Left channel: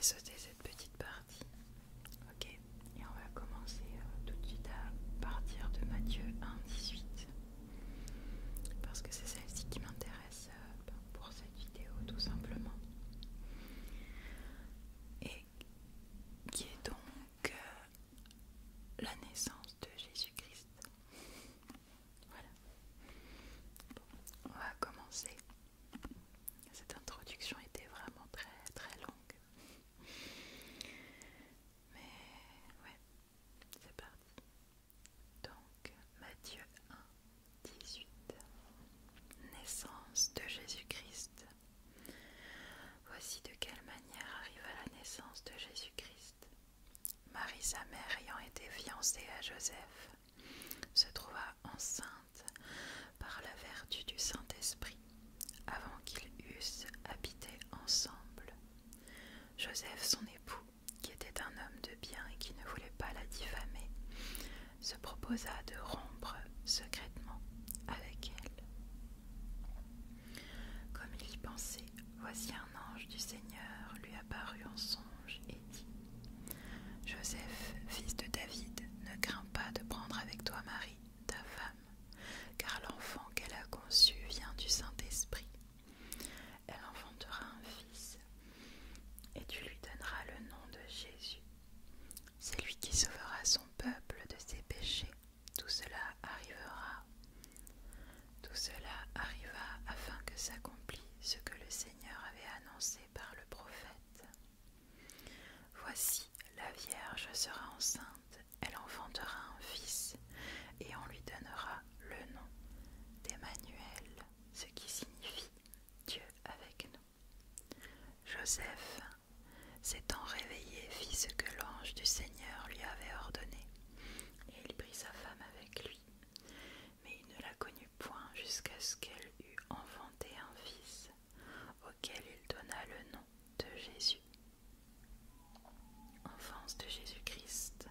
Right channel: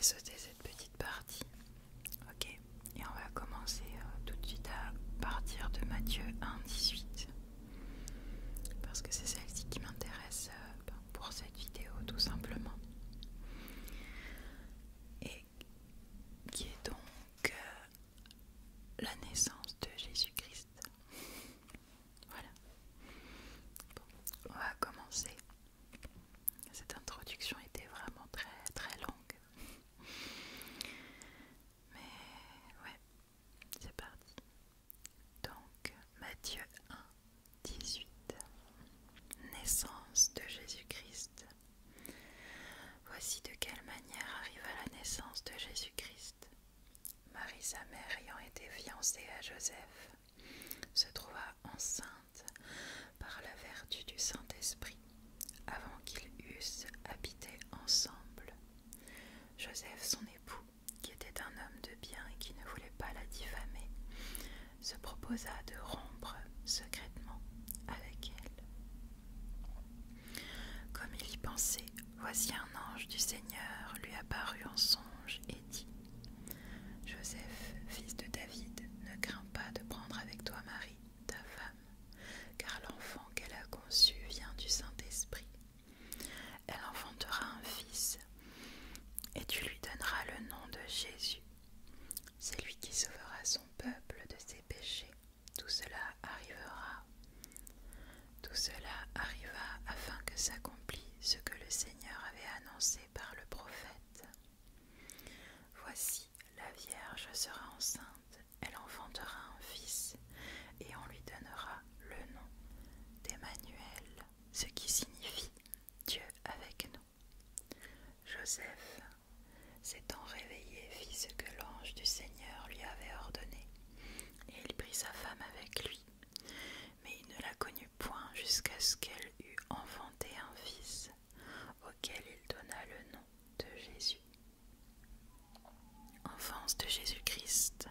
vais sauter cette petite partie. Ok, et on va commencer tout de suite à partir de Matthieu 1,18 parce que c'est celle-ci qui m'intéresse pour cette vidéo tout simplement. Et qui est donc la naissance de Jésus-Christ. Voilà. Bon, on va commencer. Cette introduction était vraiment très très longue. Mais ouais, c'est parti. Donc, Matthieu 1,18. Naissance de Jésus-Christ. Voici de quelle manière arriva la naissance de Jésus-Christ. Marie, sa mère, ayant été fiancée à Joseph, se trouva enceinte par la vertu du Saint-Esprit, avant qu'ils eussent habité ensemble. Joseph, son époux, qui était un homme de bien et qui ne voulait pas la diffamer, se proposa de rompre secrètement avec elle. Comme il y pensait, voici un ange du Seigneur lui apparut en songe et dit : « Joseph, fils de David, ne crains pas de prendre avec toi Marie, ta femme, car l'enfant qu'elle a conçu vient du Saint-Esprit. Elle enfantera un fils, et tu lui donneras le nom de Jésus. C'est lui qui sauvera son peuple de ses péchés. Tout cela arriva afin que s'accomplisse ce que le Seigneur avait annoncé par le prophète. Voici, la Vierge sera enceinte, elle enfantera un fils, et on lui donnera le nom d'Emmanuel, ce qui signifie Dieu avec nous. Joseph, s'étant réveillé, fit ce que l'ange du Seigneur lui avait ordonné, et il prit sa femme avec lui. Mais il ne la connut point jusqu'à ce qu'elle eût enfanté un fils, auquel il donna le nom de Jésus. Enfance de Jésus-Christ.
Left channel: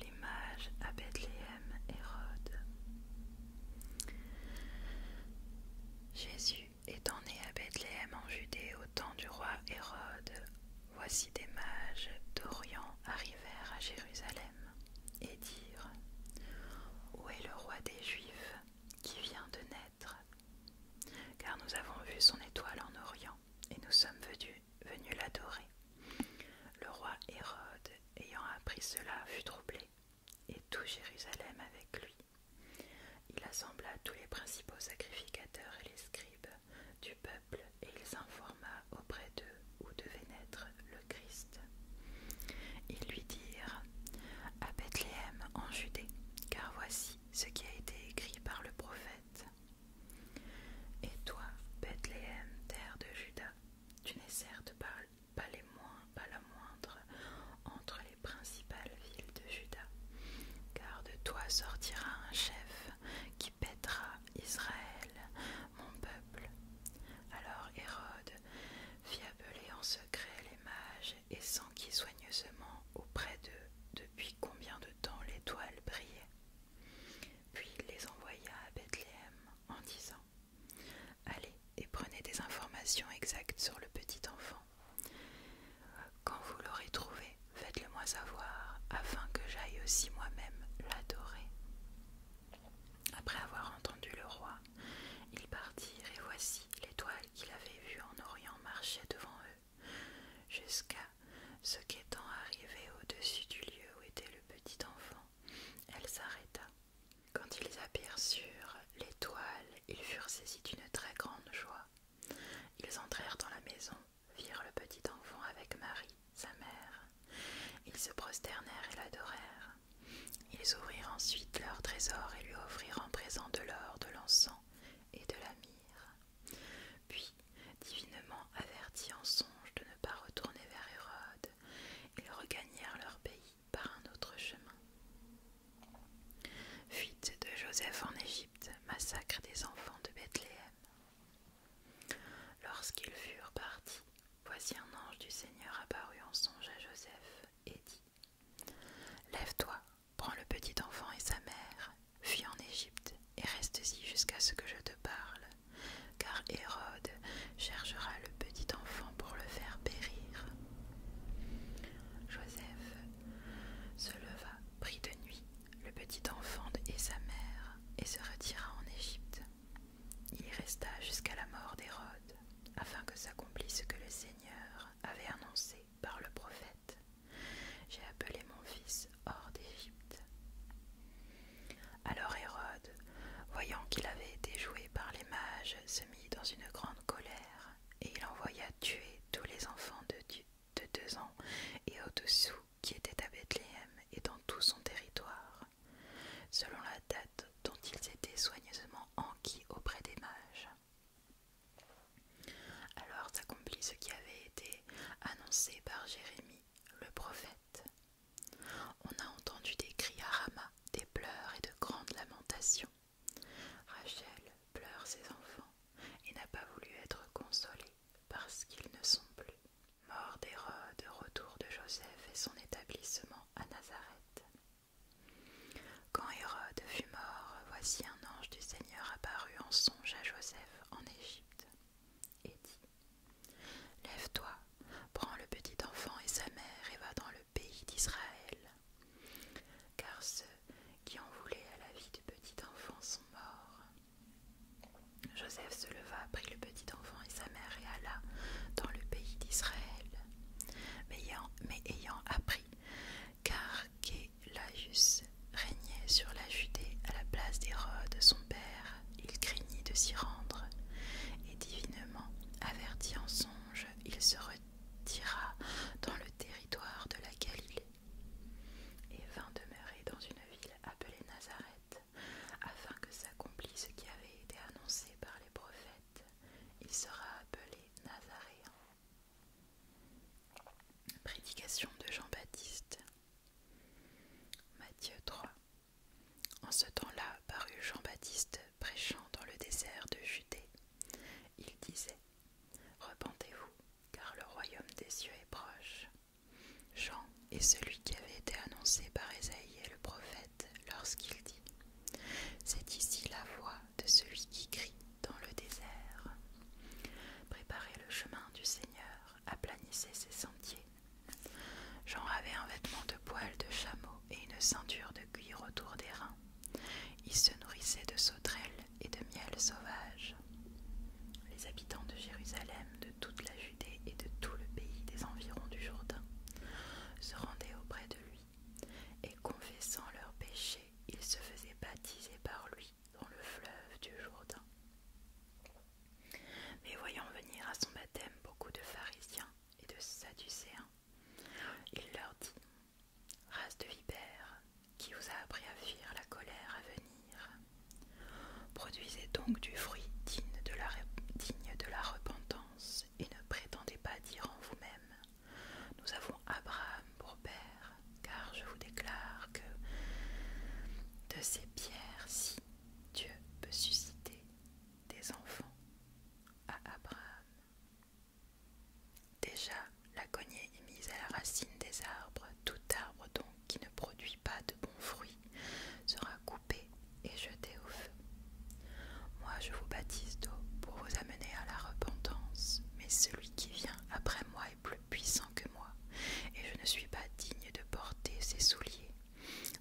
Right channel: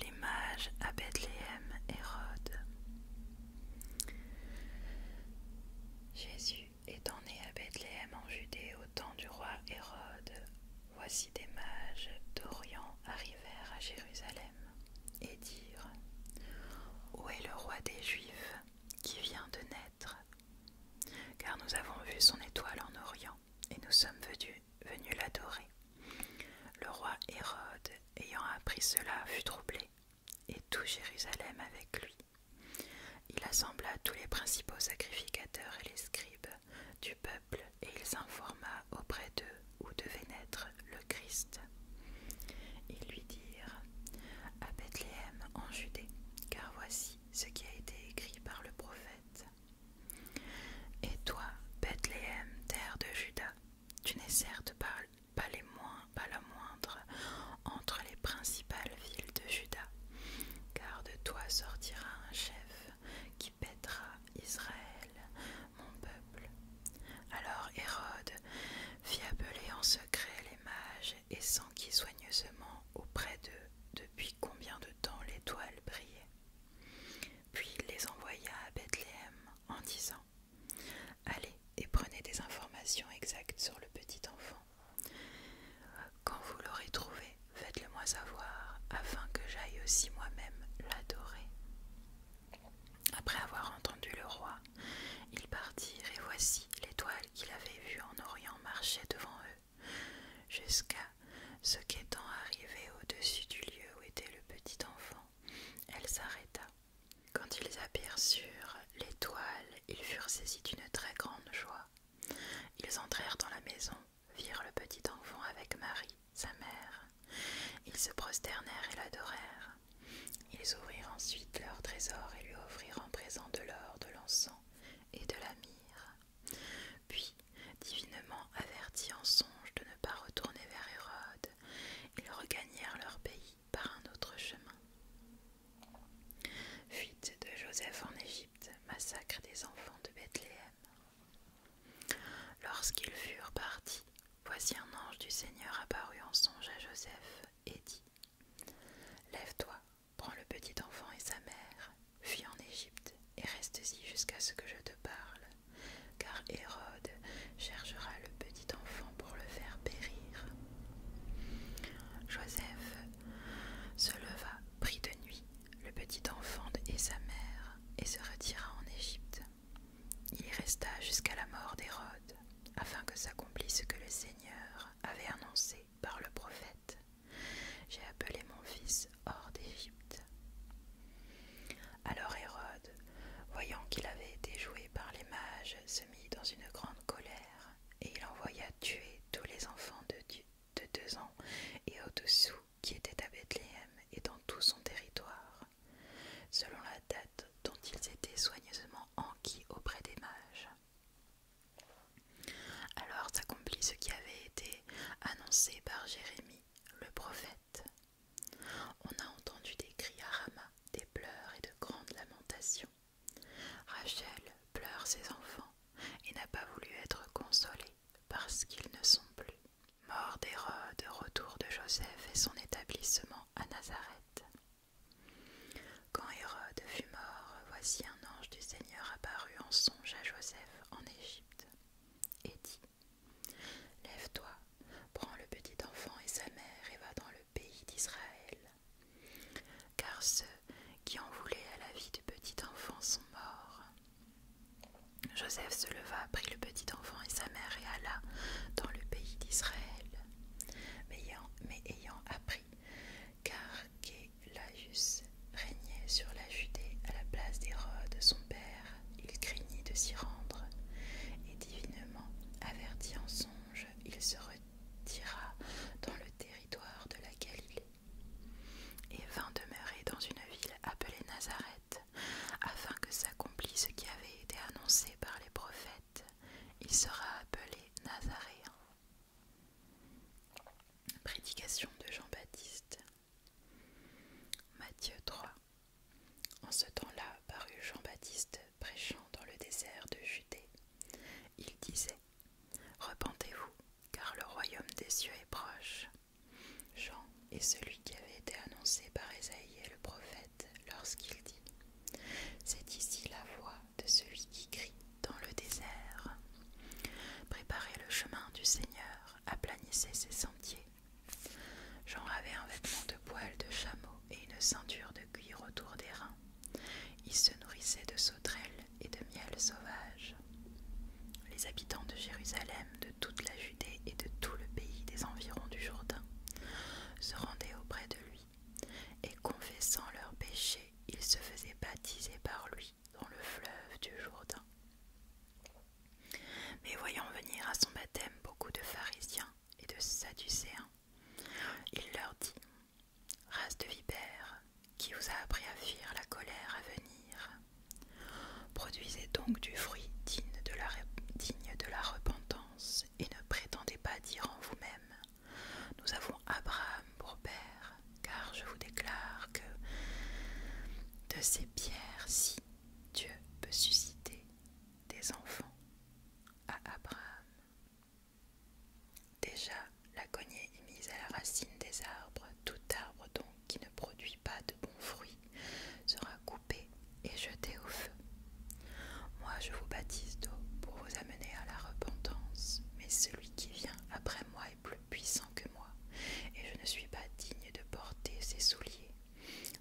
Les mages à Bethléem, Hérode. Jésus étant né à Bethléem en Judée au temps du roi Hérode, voici des mages d'Orient arrivèrent à Jérusalem et dirent : Où est le roi des Juifs qui vient de naître ? Car nous avons vu son étoile en Orient et nous sommes venus l'adorer. Le roi Hérode, ayant appris cela, fut troublé, et tout Jérusalem avec lui. Il assembla tous les principaux sacrificateurs et les scribes du peuple, et il s'informa auprès d'eux où devait naître le Christ. Ils lui dirent : À Bethléem en Judée, car voici ce qui a été écrit par le prophète. Et toi, Bethléem, terre de Juda, tu n'es certes pas la moindre entre les principales villes de Juda, car de toi sortira un chef qui paîtra Israël, mon peuple. Alors Hérode fit appeler en secret les mages et s'enquit soigneusement auprès d'eux depuis combien de temps l'étoile brillait. Puis il les envoya à Bethléem en disant : Allez et prenez des informations exactes sur le petit enfant. Quand vous l'aurez trouvé, faites-le-moi savoir, afin que j'aille aussi moi-même l'adorer. Après avoir entendu le roi, ils partirent, et voici l'étoile qu'il avait vue en Orient marchait devant eux, jusqu'à ce qu'étant arrivée au-dessus du lieu où était le petit enfant, elle s'arrêta. Quand ils aperçurent l'étoile, ils furent saisis d'une très grande joie. Ils entrèrent dans la maison, virent le petit enfant avec Marie, sa mère. Ils se prosternèrent et l'adorèrent. Ils ouvrirent ensuite leur trésor et lui offrirent en présent de l'or, de l'encens et de la myrrhe. Puis, divinement avertis en songe de ne pas retourner vers Hérode, ils regagnèrent leur pays par un autre chemin. Fuite de Joseph en Égypte, massacre des enfants de Bethléem. Lorsqu'ils furent partis, voici un ange du Seigneur apparut en songe à Joseph et dit : Lève-toi, prends le petit enfant et sa mère, fuis en Égypte et reste-y jusqu'à ce que je te parle, car Hérode cherchera le petit enfant pour le faire périr. Joseph et son établissement à Nazareth. Quand Hérode fut mort, voici un ange du Seigneur apparut en songe à Joseph en Égypte, et dit : Lève-toi, prends le petit enfant et sa mère et va dans le pays d'Israël, car ceux qui en voulaient à la vie du petit enfant sont morts. Joseph se leva, prit le petit enfant et sa mère et alla dans le pays d'Israël. Mais ayant appris qu'Archélaüs régnait sur la Judée à la place d'Hérode son père, il craignit de s'y rendre, et divinement averti en songe, il se retira dans le territoire de la Galilée, et vint demeurer dans une ville appelée Nazareth, afin que s'accomplisse ce qui avait été annoncé par les prophètes. Il sera appelé Nazaréen. Prédication de Jean-Baptiste. Matthieu 3. En ce temps-là parut Jean-Baptiste prêchant dans le désert de Judée. Il disait : Repentez-vous, car le royaume des cieux est proche. Jean est celui qui avait été annoncé par Ésaïe le prophète lorsqu'il dit : C'est ici la voix de celui qui crie dans le désert. Préparez le chemin du Seigneur, aplanissez ses sentiers. Jean avait un vêtement de poil de chameau et une ceinture de cuir autour des reins. Il se nourrissait de sauterelles et de miel sauvage. Les habitants de Jérusalem, de toute la Judée et de tout le pays des environs du Jourdain se rendaient auprès de lui, et confessant leurs péchés, ils se faisaient baptiser par lui dans le fleuve du Jourdain. Mais voyant venir à son baptême beaucoup de pharisiens et de sadducéens, il leur dit : Race de vipères, qui vous a appris à fuir la colère à venir ? Produisez donc du fruit digne de la repentance, et ne prétendez pas dire en vous-même : Nous avons Abraham pour père, car je vous déclare que de ces pierres-ci, Dieu peut susciter des enfants à Abraham. Déjà, la cognée est mise à la racine des arbres. Tout arbre donc qui ne produit pas de bons fruits sera coupé et jeté au feu. Moi, je vous baptise d'eau pour vous amener à la repentance, mais celui qui vient après moi est plus puissant que moi, et je ne suis pas digne de porter ses souliers.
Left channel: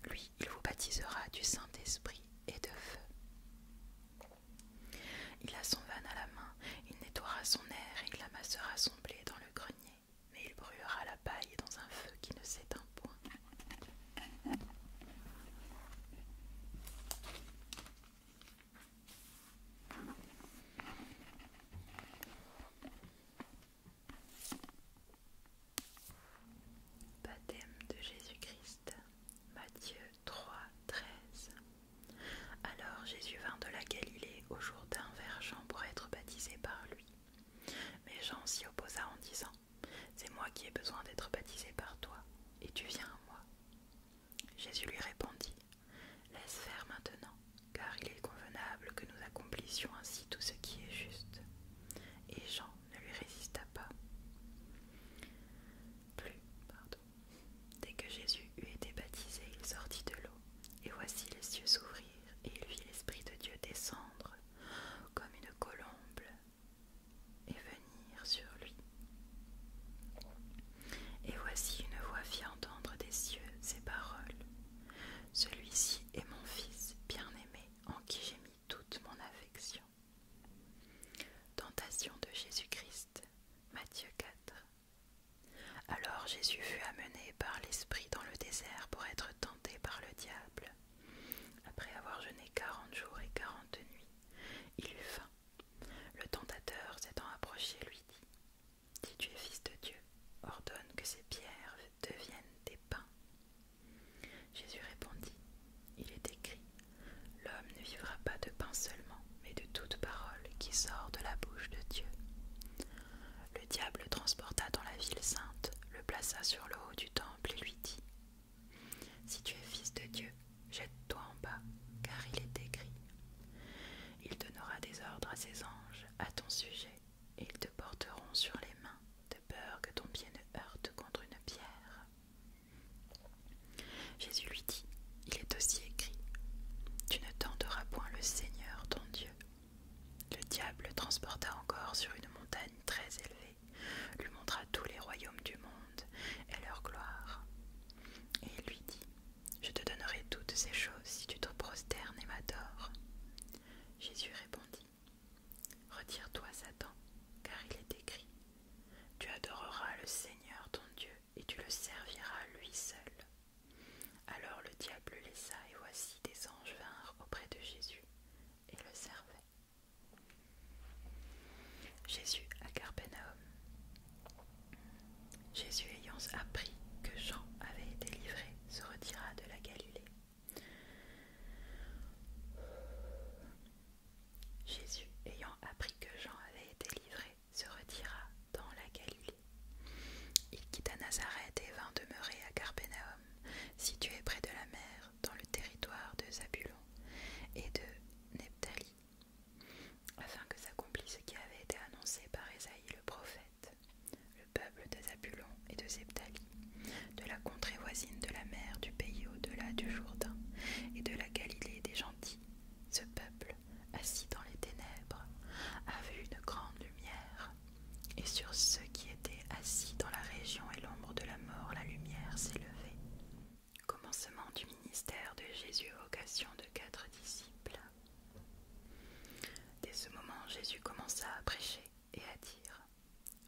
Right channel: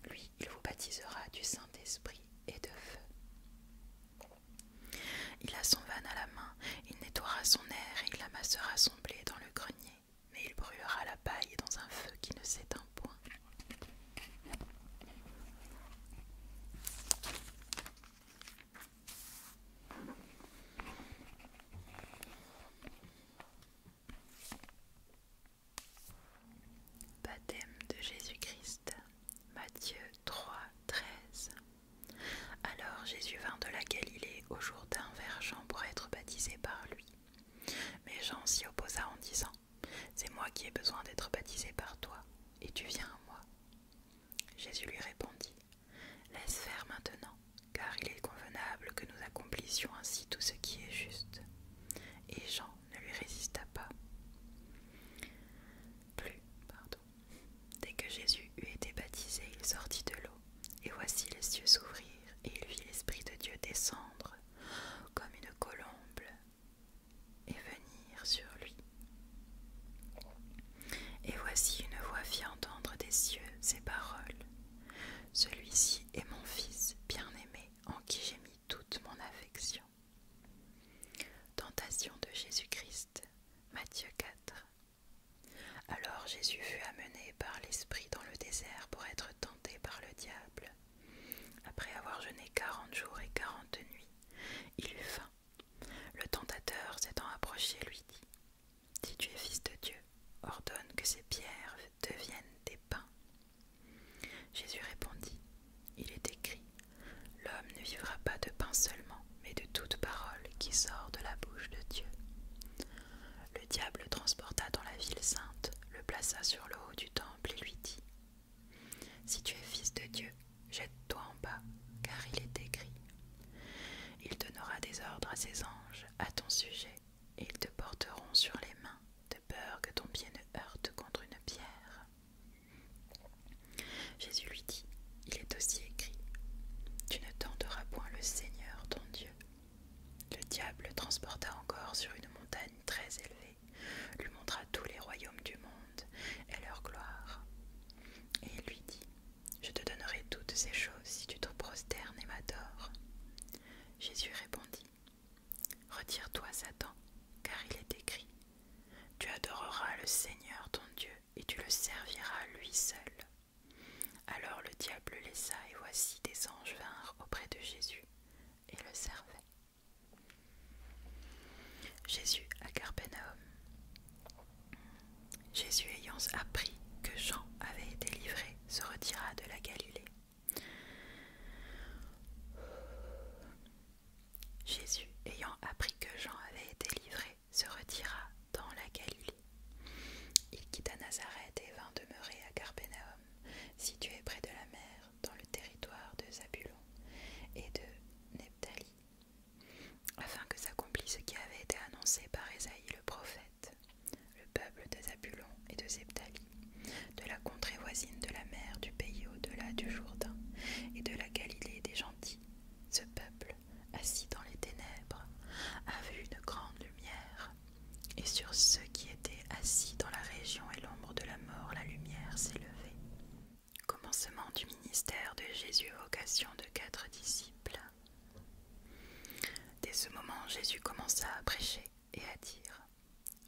Lui, il vous baptisera du Saint-Esprit et de feu. Il a son vanne à la main, il nettoiera son air et il amassera son blé dans le grenier, mais il brûlera la paille dans un feu qui ne s'éteint point. Baptême de Jésus-Christ. Matthieu 3, 13. Alors Jésus vint de la Galilée au Jourdain vers Jean pour être baptisé par lui. Mais Jean s'y opposa en disant : C'est moi qui ai besoin d'être baptisé par toi, et tu viens à moi. Jésus lui répondit : Laisse faire maintenant, car il est convenable que nous accomplissions ainsi tout ce qui est juste. Et Jean ne lui résista pas. Dès que Jésus eut été baptisé, il sortit de l'eau, et voici les cieux s'ouvrirent, et il vit l'Esprit de Dieu descendre comme une colombe et venir sur lui. Et voici une voix fit entendre des cieux ces paroles : Celui-ci est mon Fils bien-aimé, en qui j'ai mis toute mon affection. Tentation de Jésus-Christ. Matthieu 4. Alors Jésus fut amené par l'Esprit dans le désert pour être tenté par le diable. Après avoir jeûné 40 jours et 40 nuits, il eut faim. Le tentateur s'étant approché lui dit : Si tu es fils de Dieu, ordonne que ces pierres deviennent des pains. Jésus répondit : Il est écrit : L'homme ne vivra pas de pain seulement, mais de toute parole qui sort de la bouche de Dieu. Le diable le transporta dans la ville sainte, le plaça sur le haut du temple et lui dit : Si tu es fils de Dieu, jette-toi en bas, car il est écrit : Il donnera des ordres à ses anges à ton sujet, et ils te porteront sur les mains, de peur que ton pied ne heurte contre une pierre. Jésus commença à prêcher et à dire:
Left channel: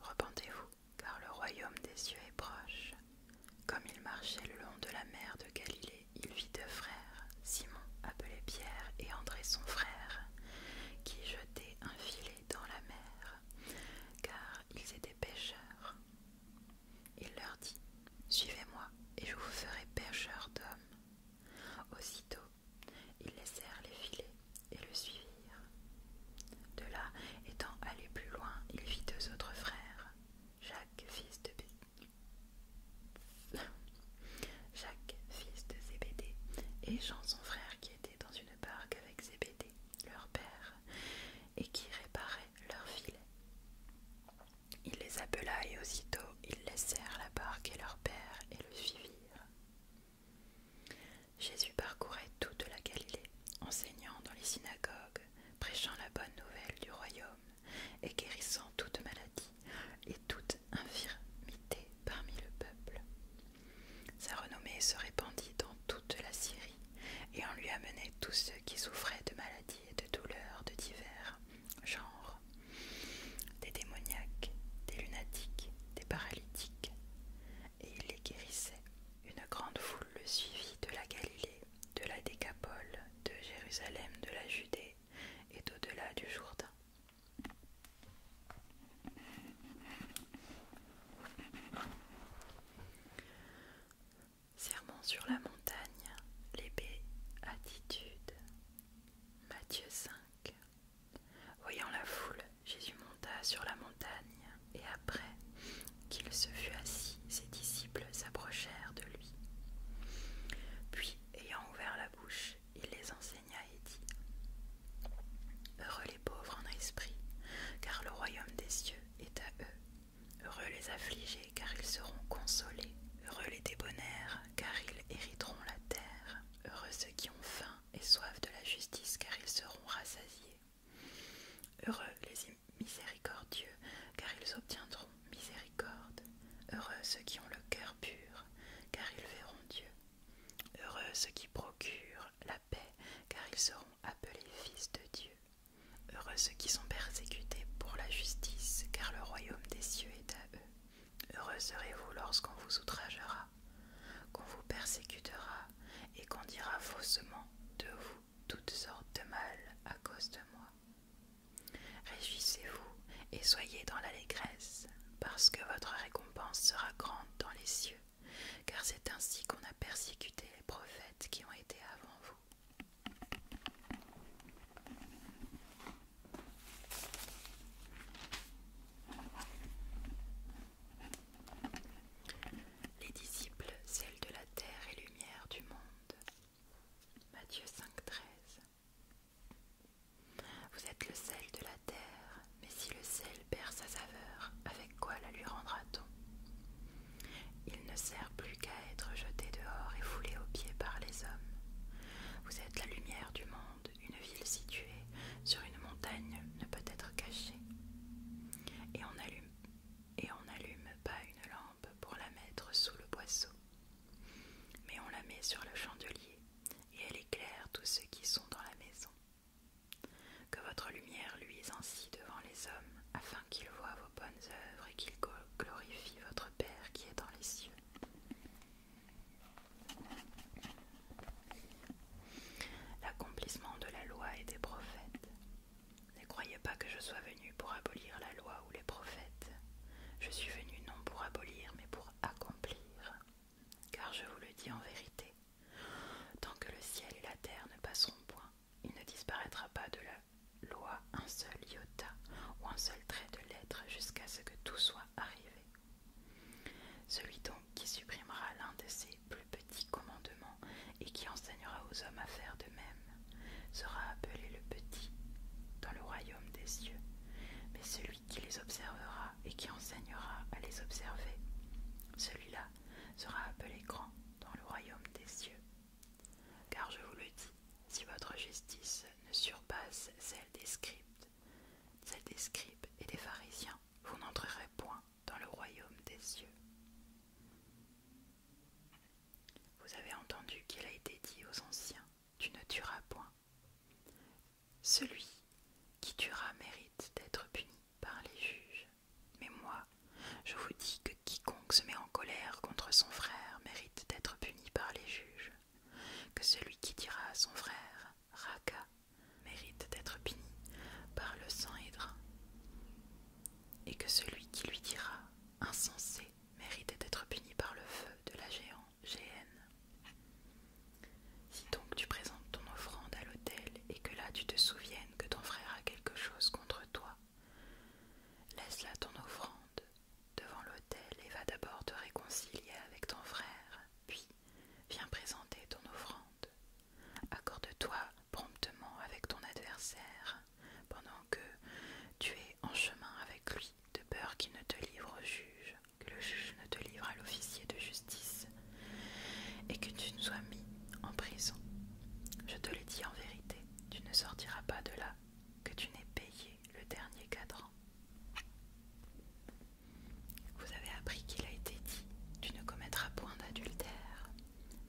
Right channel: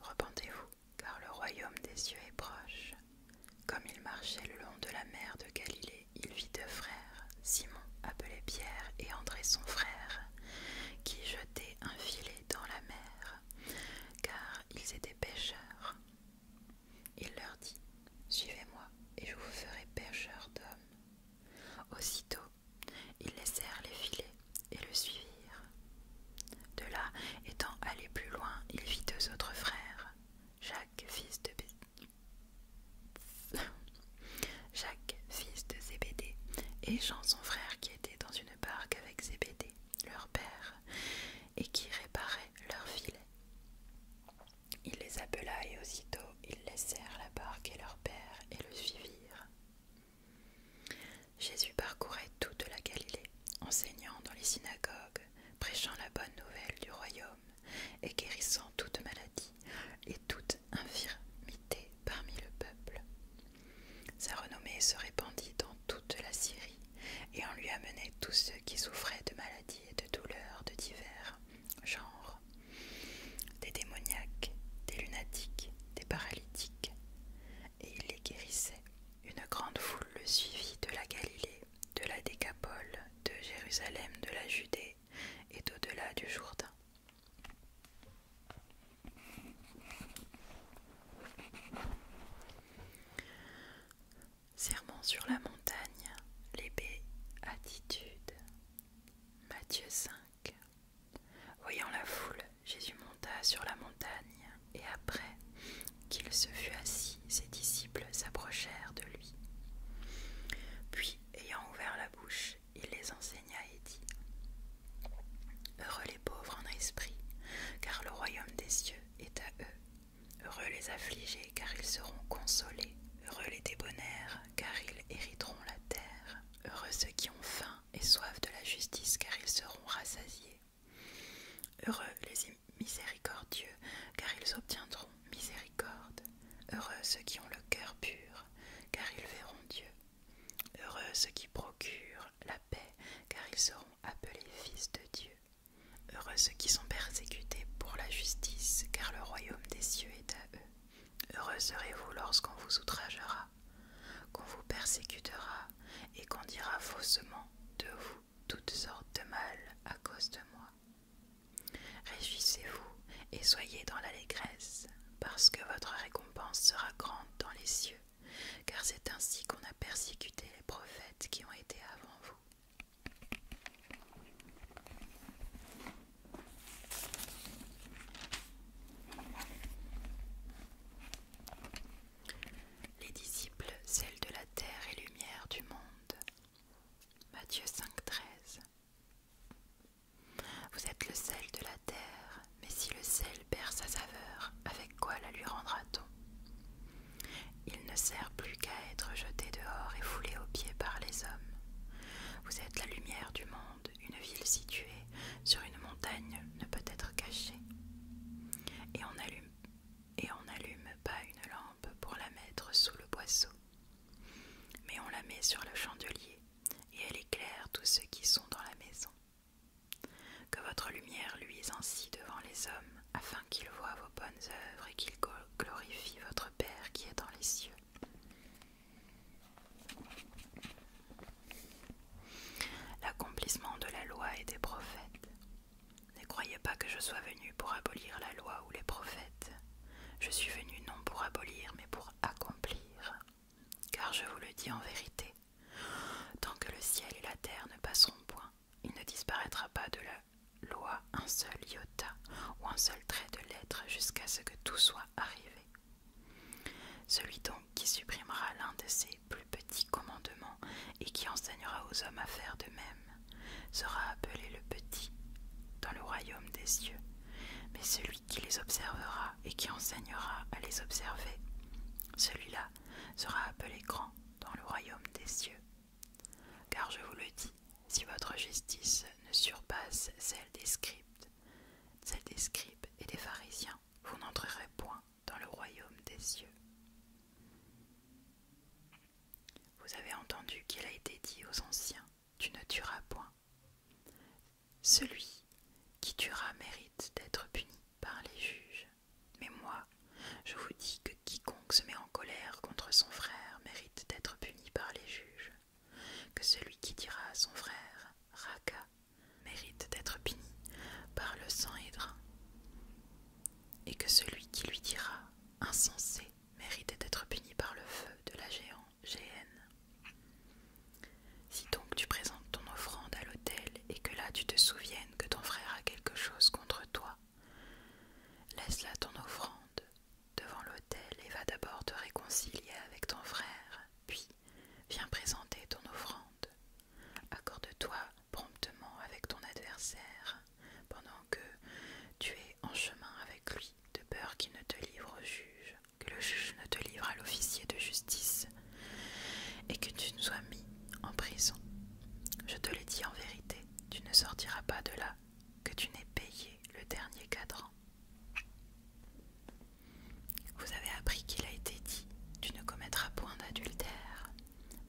Repentez-vous, car le royaume des cieux est proche. Comme il marchait le long de la mer de Galilée, il vit deux frères, Simon, appelé Pierre, et André son frère, qui jetaient un filet dans la mer, car ils étaient pêcheurs. Il leur dit: Suivez-moi, et je vous ferai pêcheurs d'hommes. Aussitôt, ils laissèrent les filets et le suivirent. De là, étant allé plus loin, il vit deux autres frères, Jacques, fils de Zébédée, et Jean son frère, qui était dans une barque avec Zébédée, leur père, et qui réparait leurs filets. Il les appela, et aussitôt ils laissèrent la barque et leur père et le suivirent. Jésus parcourait toute la Galilée, enseignant dans les synagogues, prêchant la bonne nouvelle du royaume, et guérissant toute maladie et toute infirmité parmi le peuple. Sa renommée se répandit dans toute la Syrie, et on lui amenait tous ceux qui souffraient de maladies et de douleurs de divers genres, des démoniaques, des lunatiques, des paralytiques, et il les guérissait. Une grande foule le suivit de la Galilée, de la Décapole, de Jérusalem, de la Judée et d'au-delà du Jourdain. Sermon sur la montagne, les béatitudes. Matthieu 5. Voyant la foule, Jésus monta sur la montagne, et après qu'il se fut assis, ses disciples s'approchèrent de lui. Puis, ayant ouvert la bouche, il les enseigna et dit: Heureux les pauvres en esprit, car le royaume des cieux est à eux. Heureux les affligés, car ils seront consolés. Heureux les débonnaires, car ils hériteront la terre. Heureux ceux qui ont faim et soif de la justice, car ils seront rassasiés. Heureux les miséricordieux, car ils obtiendront miséricorde. Heureux ceux qui ont le cœur pur, car ils verront Dieu. Heureux ceux qui procurent la paix, car ils seront appelés fils de Dieu. Heureux ceux qui sont persécutés pour la justice, car le royaume des cieux est à eux. Heureux serez-vous lorsqu'on vous outragera, qu'on vous persécutera et qu'on dira faussement de vous toutes sortes de mal à cause de moi. Réjouissez-vous et soyez dans l'allégresse, parce que votre récompense sera grande dans les cieux, car c'est ainsi qu'on a persécuté les prophètes qui ont été avant vous. Les disciples, sel de la terre et lumière du monde. Matthieu 5,13. Vous êtes le sel de la terre, mais si le sel perd sa saveur, avec quoi la lui rendra-t-on? Il ne sert plus qu'à être jeté dehors et foulé aux pieds par les hommes. Vous êtes la lumière du monde, une ville située sur une montagne ne peut être cachée. Et on n'allume pas une lampe pour la mettre sous le boisseau, mais on la met sur le chandelier, et elle éclaire tous ceux qui sont dans la maison. Que votre lumière luise ainsi devant les hommes, afin qu'ils voient vos bonnes œuvres et qu'ils glorifient votre Père qui est dans les cieux. L'accomplissement de la loi et des prophètes. Ne croyez pas que je sois venu pour abolir la loi ou les prophètes. Je suis venu non pour abolir, mais pour accomplir. Car je vous le dis en vérité, tant que le ciel et la terre ne passeront point, il ne disparaîtra pas de la loi un seul iota ou un seul trait de lettre jusqu'à ce que tout soit arrivé. Celui donc qui supprimera l'un de ces plus petits commandements et qui enseignera aux hommes à faire de même sera appelé le petit dans le royaume des cieux. Mais celui qui les observera et qui enseignera à les observer, celui-là sera appelé grand dans le royaume des cieux. Car je vous le dis, si votre justice ne surpasse celle des scribes et des pharisiens, vous n'entrerez point dans le royaume des cieux. Vous avez entendu qu'il a été dit aux anciens: tu ne tueras point. Celui qui tuera mérite d'être puni par les juges. Mais moi, je vous dis que quiconque se met en colère contre son frère mérite d'être puni par les juges, que celui qui dira à son frère « Raka » mérite d'être puni par le sang Hédrin, et que celui qui lui dira « Insensé » mérite d'être puni par le feu de la géhenne. Si donc tu présentes ton offrande à l'autel et que là tu te souviennes que ton frère a quelque chose contre toi, laisse là ton offrande devant l'autel et va d'abord te réconcilier avec ton frère, puis viens présenter ton offrande. Accorde-toi promptement avec ton adversaire pendant que tu es en chemin avec lui, de peur qu'il ne te livre au juge, que le juge ne te livre à l'officier de justice et que tu ne sois mis en prison. Je te l'ai dit en vérité, tu ne sortiras pas de là que tu n'aies payé le dernier cadran. Vous avez appris qu'il a été dit, tu ne commettras point d'adultère.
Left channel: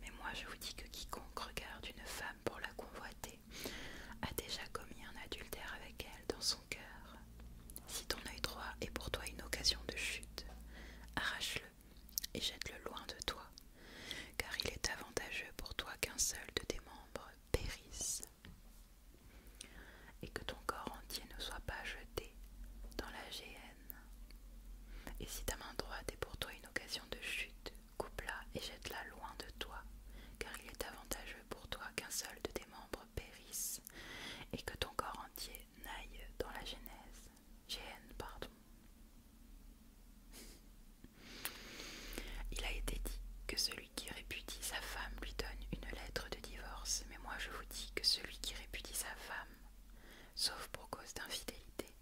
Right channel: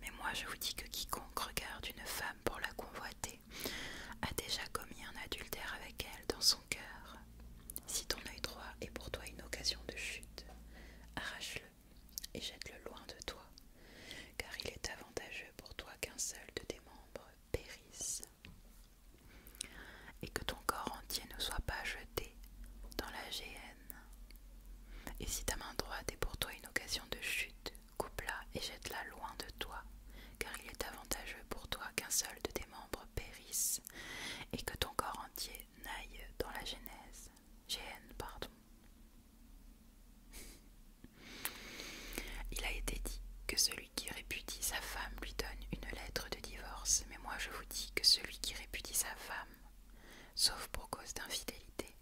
Mais moi je vous dis que quiconque regarde une femme pour la convoiter a déjà commis un adultère avec elle dans son cœur. Si ton œil droit est pour toi une occasion de chute, arrache-le et jette-le loin de toi, car il est avantageux pour toi qu'un seul de tes membres périsse, et que ton corps entier ne soit pas jeté dans la géhenne. Et si ta main droite est pour toi une occasion de chute, coupe-la et jette-la loin de toi, car il est avantageux pour toi qu'un seul de tes membres périsse, et que ton corps entier n'aille dans la géhenne. Il a été dit que celui qui répudie sa femme lui donne une lettre de divorce, mais moi je vous dis que celui qui répudie sa femme, sauf pour cause d'infidélité,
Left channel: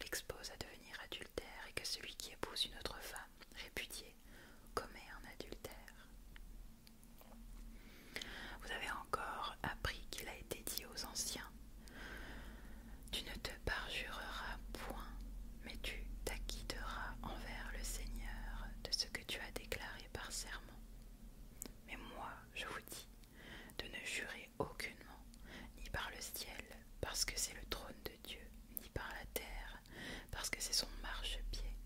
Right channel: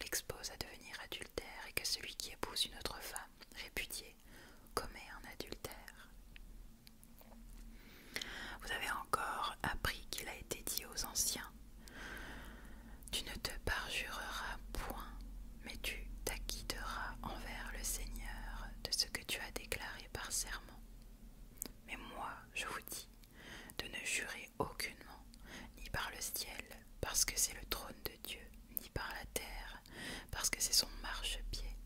l'expose à devenir adultère, et que celui qui épouse une autre femme répudiée commet un adultère. Vous avez encore appris qu'il a été dit aux anciens « Tu ne te parjureras point, mais tu t'acquitteras envers le Seigneur de ce que tu as déclaré par serment. » Mais moi, je vous dis de ne jurer aucunement, ni par le ciel, parce que c'est le trône de Dieu, ni par la terre, parce que c'est son marchepied,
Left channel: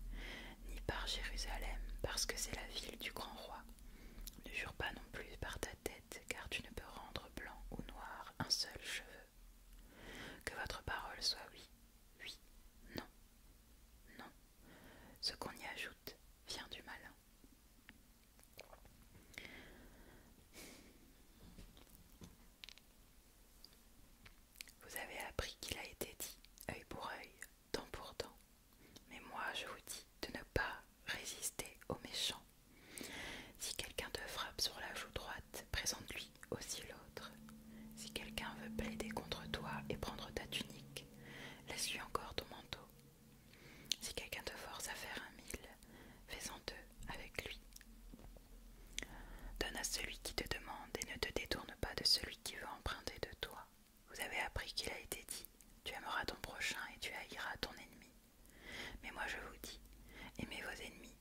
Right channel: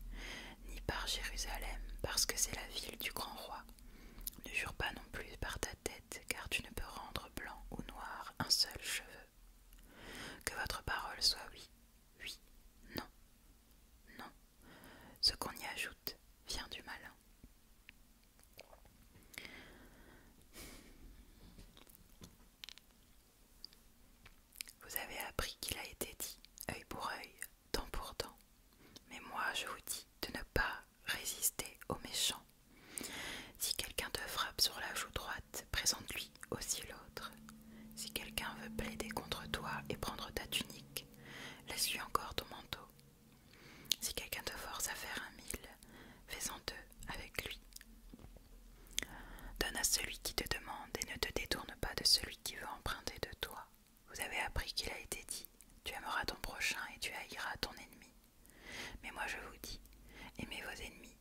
ni par Jérusalem, parce que c'est la ville du grand roi. Ne jure pas non plus par ta tête, car tu ne peux rendre blanc ou noir un seul cheveu. Que votre parole soit oui, oui, non, non. Ce qu'on y ajoute vient du malin. Vous avez appris qu'il a été dit œil pour œil, dent pour dent. Mais moi je vous dis de ne pas résister aux méchants. Si quelqu'un te frappe sur la joue droite, présente-lui aussi l'autre. Si quelqu'un veut plaider contre toi et prendre ta tunique, laisse-lui encore ton manteau. Si quelqu'un te force à faire 1 000, fais-en 2 avec lui. Donne à celui qui te demande et ne te détourne pas de celui qui veut emprunter de toi. Vous avez appris qu'il a été dit, tu aimeras ton prochain et tu haïras ton ennemi. Mais moi je vous dis, aimez vos ennemis,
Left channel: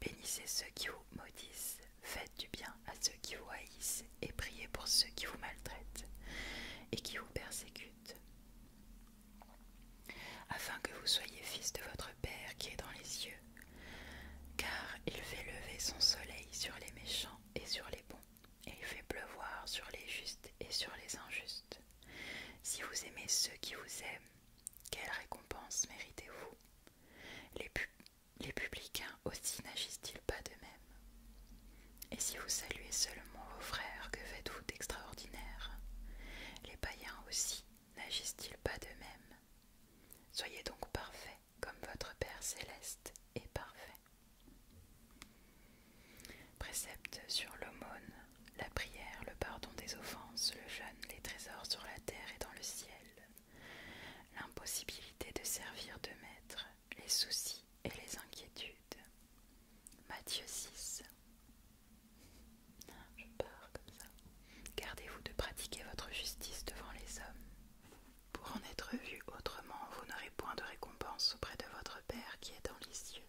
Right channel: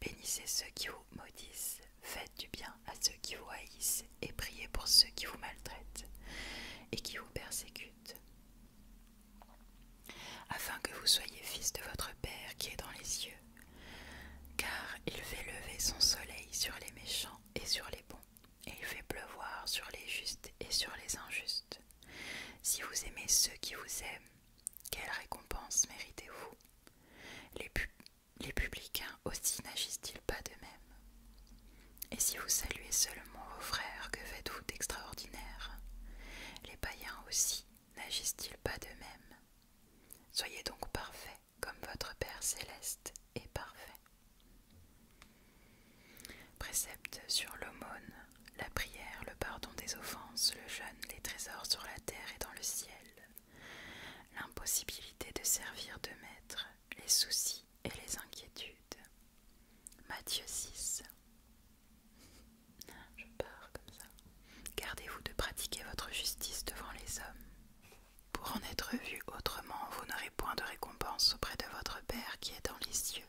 bénissez ceux qui vous maudissent, faites du bien à ceux qui vous haïssent et priez pour ceux qui vous maltraitent et qui vous persécutent, afin que vous soyez fils de votre Père qui est dans les cieux, car il fait lever son soleil sur les méchants et sur les bons, et il fait pleuvoir sur les justes et sur les injustes. Si vous aimez ceux qui vous aiment, quelle récompense méritez-vous? Les publicains aussi n'agissent-ils pas de même? Et si vous saluez seulement vos frères, que faites-vous d'extraordinaire? Les païens aussi n'agissent-ils pas de même? Soyez donc parfaits comme votre Père céleste est parfait. Précepte sur l'aumône, la prière, le pardon des offenses, le jeûne, les trésors sur la terre et dans le ciel, l'impossibilité de servir de maître, les soucis et les inquiétudes. Matthieu 6. Je pars comme ça. Gardez-vous de pratiquer votre justice devant les hommes. Pour en être vu autrement, vous n'aurez point de récompense auprès de votre Père qui est dans les cieux.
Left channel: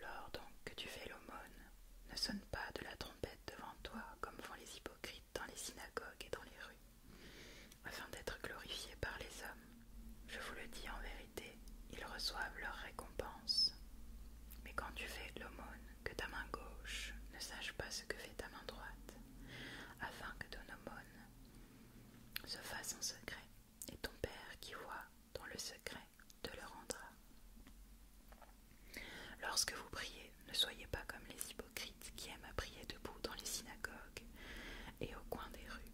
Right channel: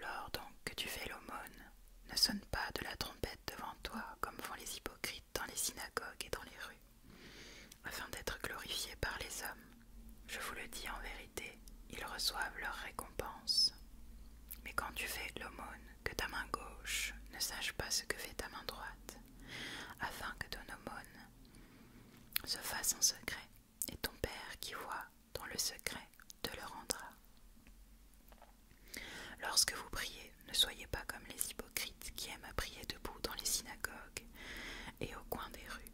Lors donc que tu fais l'aumône, ne sonne pas de la trompette devant toi, comme font les hypocrites dans les synagogues et dans les rues, afin d'être glorifiés par les hommes. Je vous le dis en vérité. reçoivent leur récompense. Mais quand tu fais l'aumône, que ta main gauche ne sache pas ce que fait ta main droite, afin que ton aumône se fasse en secret, et ton Père qui voit dans le secret te le rendra. Lorsque vous priez, ne soyez pas comme les hypocrites qui aiment à prier debout dans les synagogues et au coin des rues,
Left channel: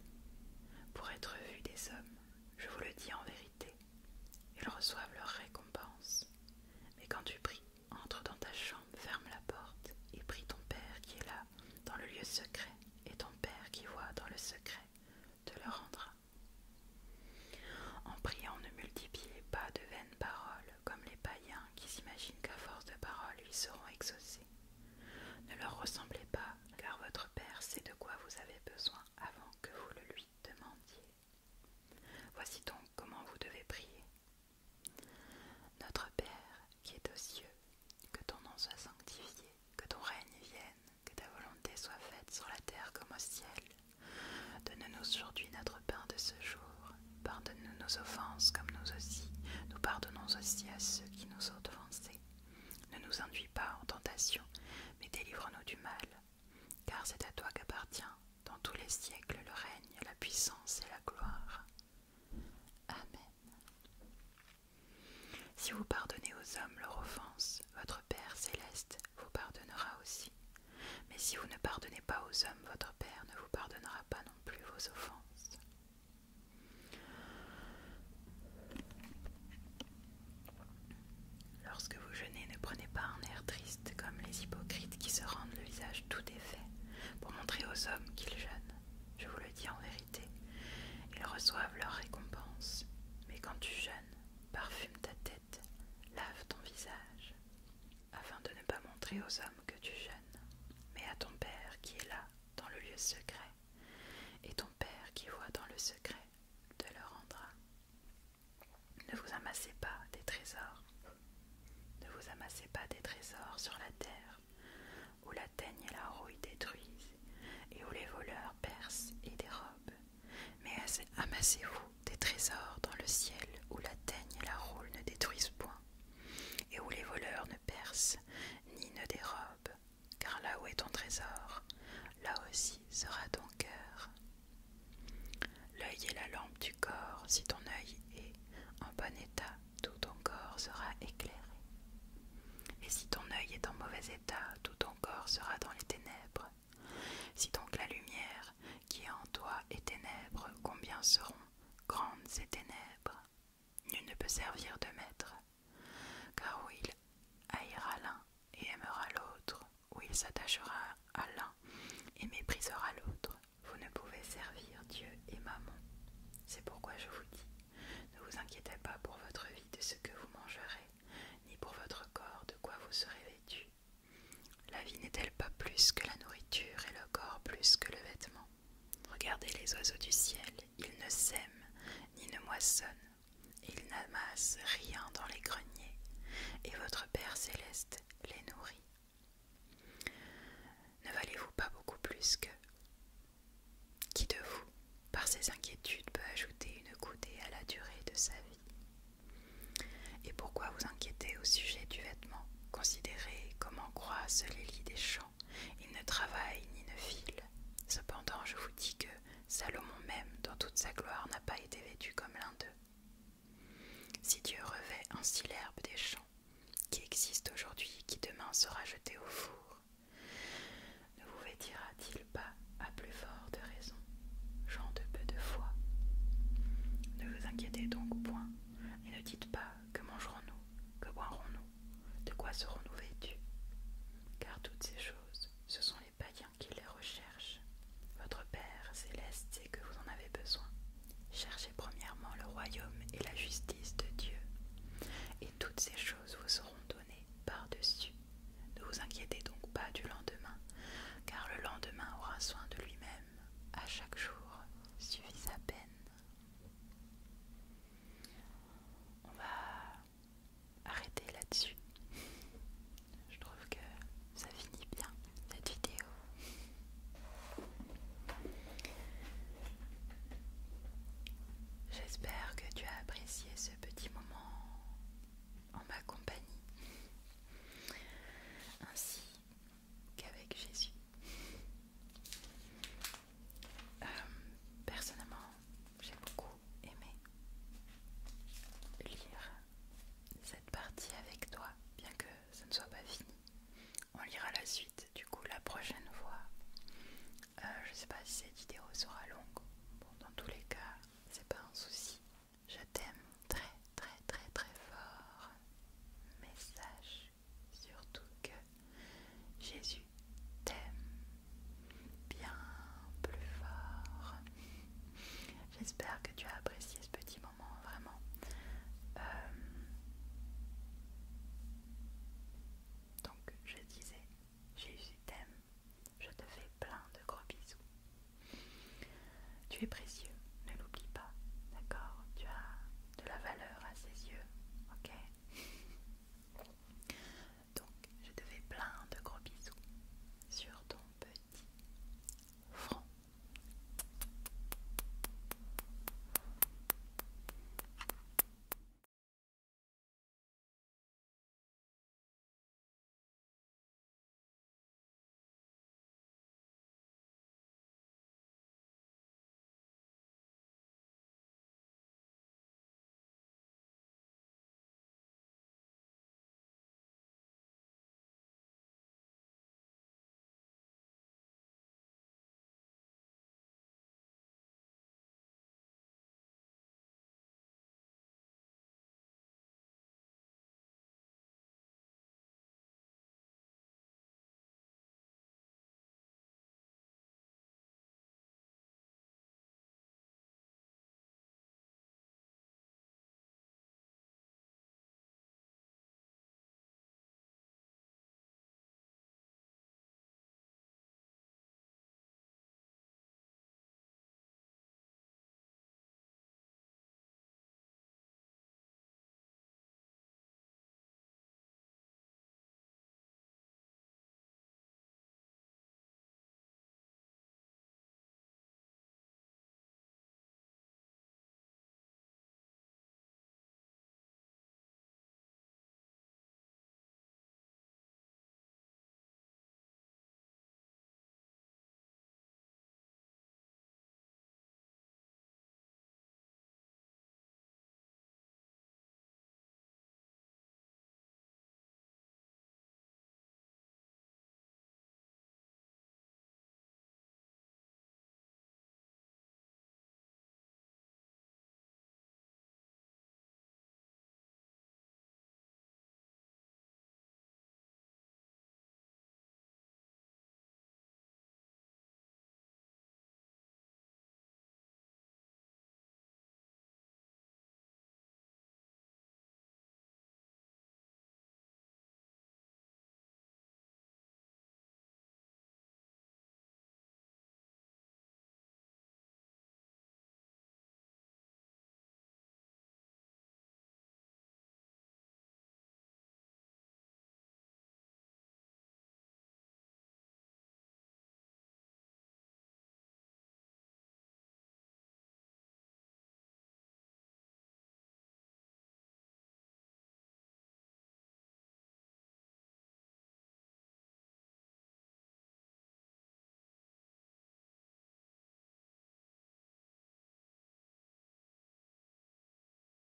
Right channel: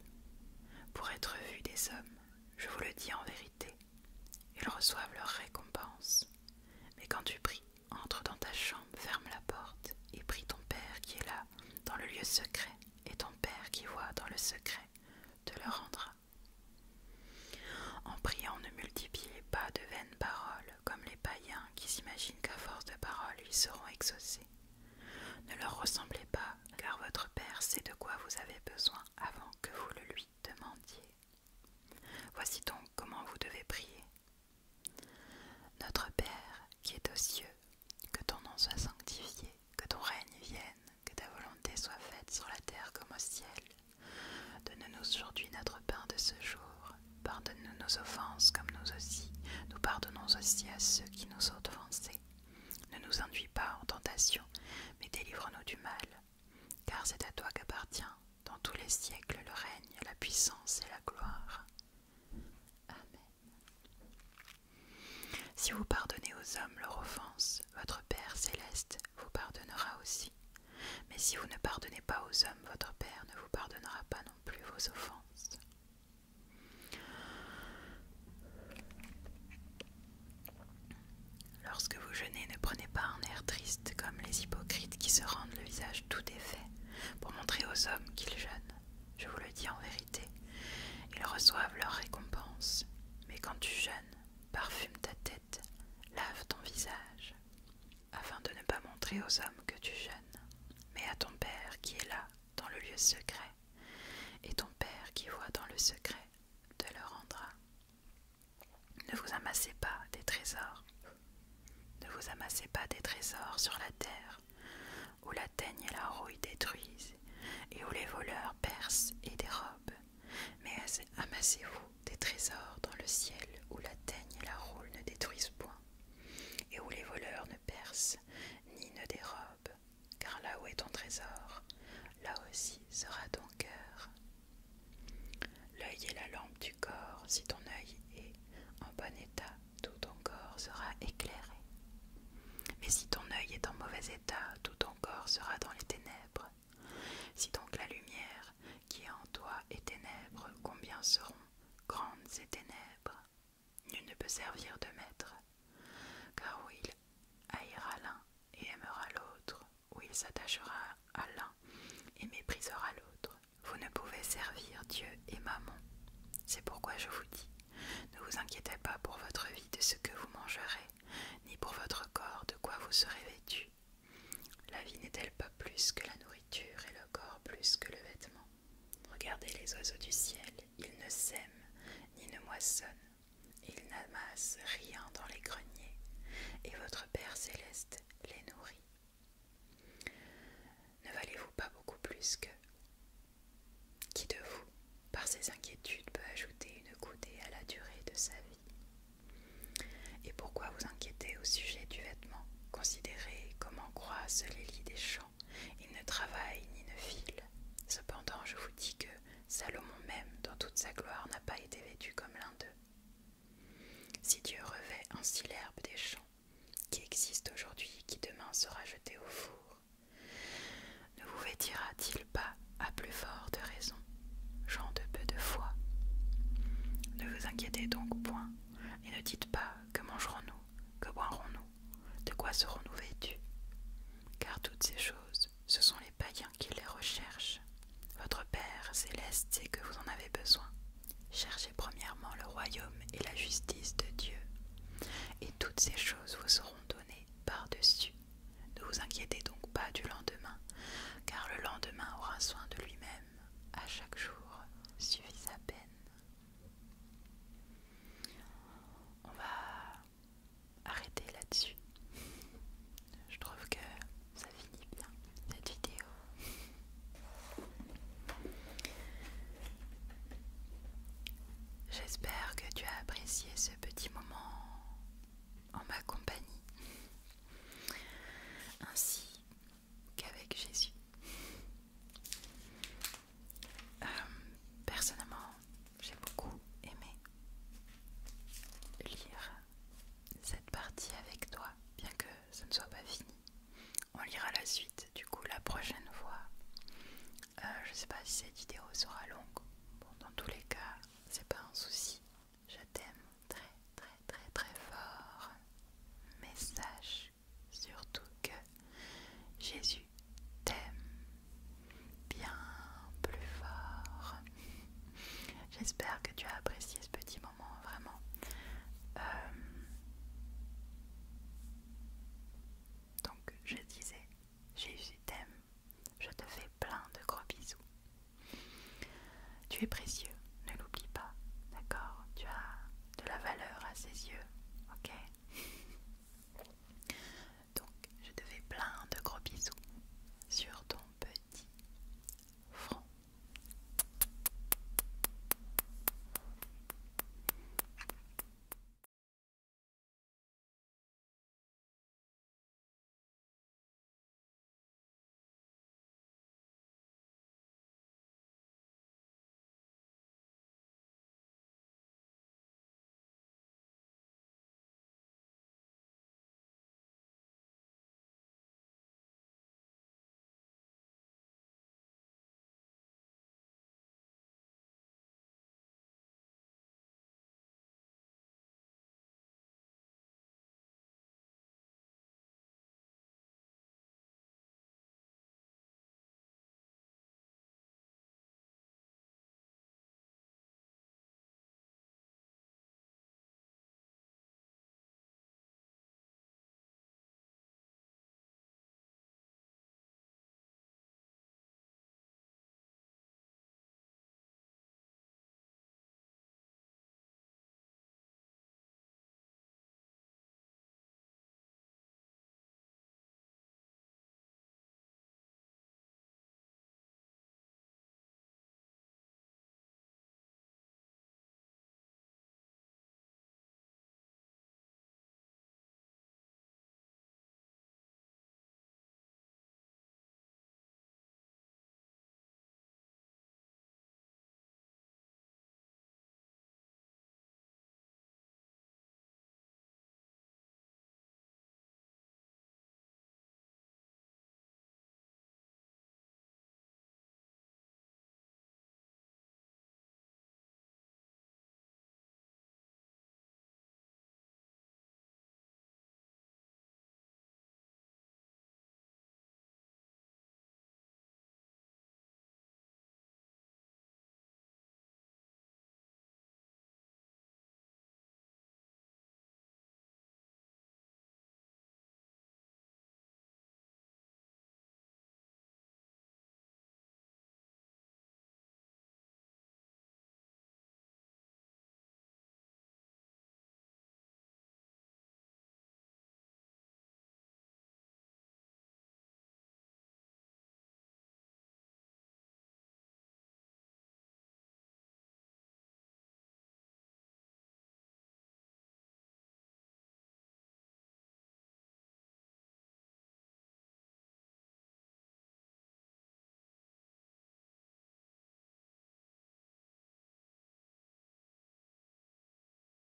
pour être vus des hommes. Je vous le dis en vérité, ils reçoivent leur récompense. Mais quand tu pries, entre dans ta chambre, ferme la porte et prie ton Père qui est là, dans le lieu secret, et ton Père qui voit dans le secret te le rendra. En priant, ne multipliez pas de vaines paroles, comme les païens qui s'imaginent qu'à force de paroles, ils seront exaucés. Ne leur ressemblez pas, car votre Père sait de quoi vous avez besoin avant que vous le lui demandiez. Voici donc comment vous devez prier. Notre Père qui est aux cieux, que ton nom soit sanctifié, que ton règne vienne, que ta volonté soit faite sur la terre comme au ciel. Donne-nous aujourd'hui notre pain de ce jour. Pardonne-nous nos offenses comme nous pardonnons aussi à ceux qui nous ont offensés. Ne nous induis pas en tentation, mais délivre-nous du mal. Car c'est à toi qu'appartient, dans tous les siècles, le règne, la puissance et la gloire. Amen. Si vous pardonnez aux hommes leur offense, votre Père céleste vous pardonnera aussi. Mais si vous ne pardonnez pas aux hommes, votre Père ne vous pardonnera pas non plus vos offenses. Lorsque vous jeûnez, ne prenez pas un air triste comme les hypocrites qui se rendent le visage tout défait pour montrer aux hommes qu'ils jeûnent. Je vous le dis en vérité, ils reçoivent leur récompense. Mais quand tu jeûnes, parfume ta tête, lave ton visage, afin de ne pas montrer aux hommes que tu jeûnes, mais à ton Père qui est là, dans le lieu secret, et ton Père qui voit dans le secret te le rendra. Ne vous amassez pas des trésors. Ne vous amassez pas des trésors sur la terre, où la teigne et la rouille détruisent, et où les voleurs percent et dérobent. Mais amassez-vous des trésors dans le ciel, où la teigne et la rouille ne détruisent point, et où les voleurs ne percent ni ne dérobent. Car là où est ton trésor, là aussi sera ton cœur. L'œil est la lampe du corps. Si ton œil est en bon état, tout ton corps sera éclairé. Mais si ton œil est en mauvais état, tout ton corps sera dans les ténèbres. Si donc la lumière qui est en toi est ténèbres, combien seront grandes ces ténèbres? Nul ne peut servir de maître, car où il haïra l'un et aimera l'autre, où il s'attachera à l'un et méprisera l'autre, vous ne pouvez servir Dieu et Mammon. C'est pourquoi je vous dis, ne vous inquiétez pas pour votre vie de ce que vous mangerez, ni pour votre corps de quoi vous serez vêtu. La vie n'est-elle pas plus que la nourriture et le corps plus que le vêtement? Regardez les oiseaux du ciel, ils ne sèment ni ne moissonnent, et ils n'amassent rien dans les greniers, et votre Père céleste les nourrit. Ne valez-vous pas beaucoup plus que... Qui de vous, par ses inquiétudes, peut ajouter une coudée à la durée de sa vie? Et pourquoi vous inquiétez au sujet du vêtement? Considérez comment croissent les lys des champs. Ils ne travaillent ni ne filent. Cependant, je vous dis que Salomon même, dans toute sa gloire, n'a pas été vêtu comme l'un d'eux. Si Dieu revêt ainsi l'herbe des champs, qui existe aujourd'hui et qui demain sera jetée au four, ne vous vêtira-t-il pas à plus forte raison, gens de peu de foi? Ne vous inquiétez donc point, et ne dites pas que mangerons-nous, que boirons-nous, de quoi serons-nous vêtus? Car toutes ces choses, ce sont les païens qui les recherchent. Votre Père céleste sait que vous en avez besoin. Cherchez premièrement le royaume